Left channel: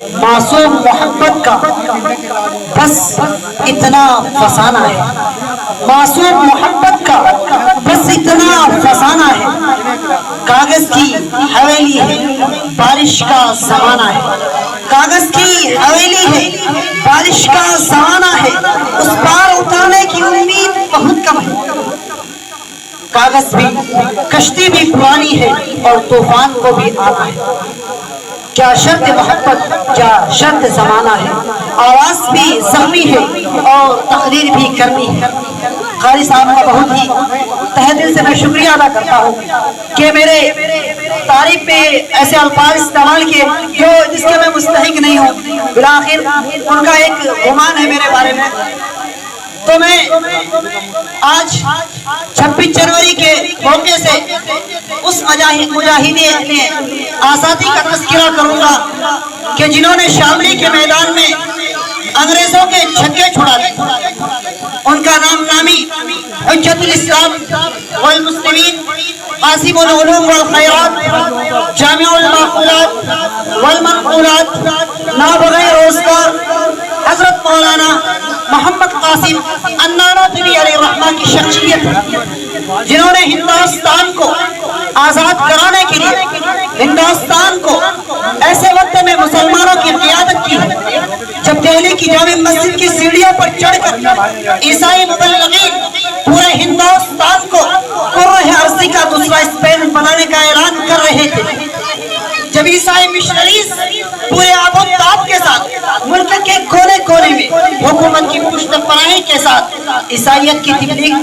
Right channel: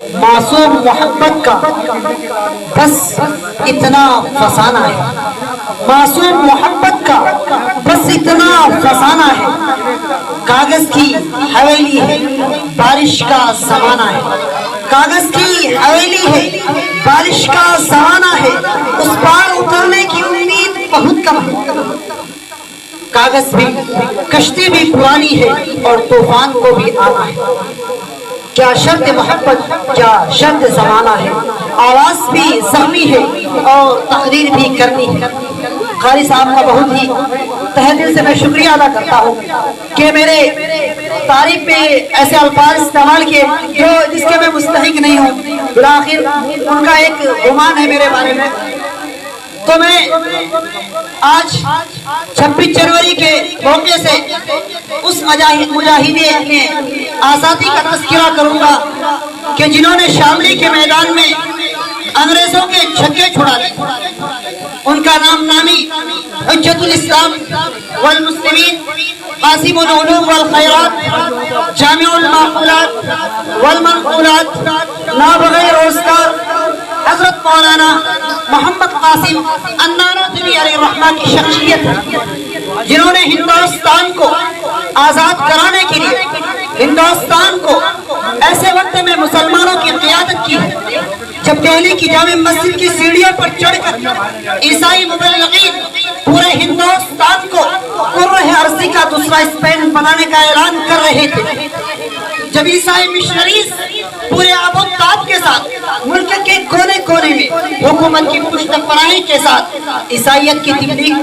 معصوم محمد کا بس اتنا فسانہ ہے، معصوم محمد کا بس اتنا فسانہ ہے، کاغذ کی حویلی ہے بارش کا زمانہ ہے، کاغذ کی حویلی ہے بارش کا زمانہ ہے، اس پار اترنے کی امید بہت کم ہے، کاغذ بھی کشتی بھی پرانی ہے اور طوفان کو بھی آنا ہے، کیا شرط محبت کیا شرط زمانہ ہے، آواز بھی زخمی ہے اور تقریر بھی کرنی ہے۔ قاری صاحب کا بہت ہی تہ دل سے میں شکریہ ادا کرتا ہوں کہ میرے تعریف میں ایسے الفاظ استعمال کیے جس کے میں مستحق نہیں ہوں، بالآخر ان کا ایک گمان ہے میرے بارے میں۔ تو میں آج 26 جنوری کے موقع سے اس مجاہدین آزادی کا تذکرہ کروں گا کہ جنہوں نے شاملی کے میدان میں انگریزوں کے چھکے چھڑا دیے، ان کا نام نامی حجت الاسلام والمسلمین، قاسم العلوم والخیرات، جامع المعقولات والمنقولات، نابغہ روزگار، حضرت مولانا محمد قاسم النانوتوی علیہ الرحمہ کی شخصیت ہے، جنہوں نے ہندوستان کو آزاد کرانے کے لیے ہندوستان کو ایسے وقت میں مسلمانوں کی قیادت کی ہے جب دہلی کی جامع مسجد کی سیڑھیوں پر چڑھ کر عیسائی مبلغین پورے ہندوستان کو کرۂ ارضی کا دوسرا اسپین بنانے کا اعلان کر رہے تھے، جب عیسائی مشنریز پورے آب و تاب کے ساتھ ملک کے کونے کونے میں حکومت کی پشت پناہی کے ساتھ عیسائیت کی تبلیغ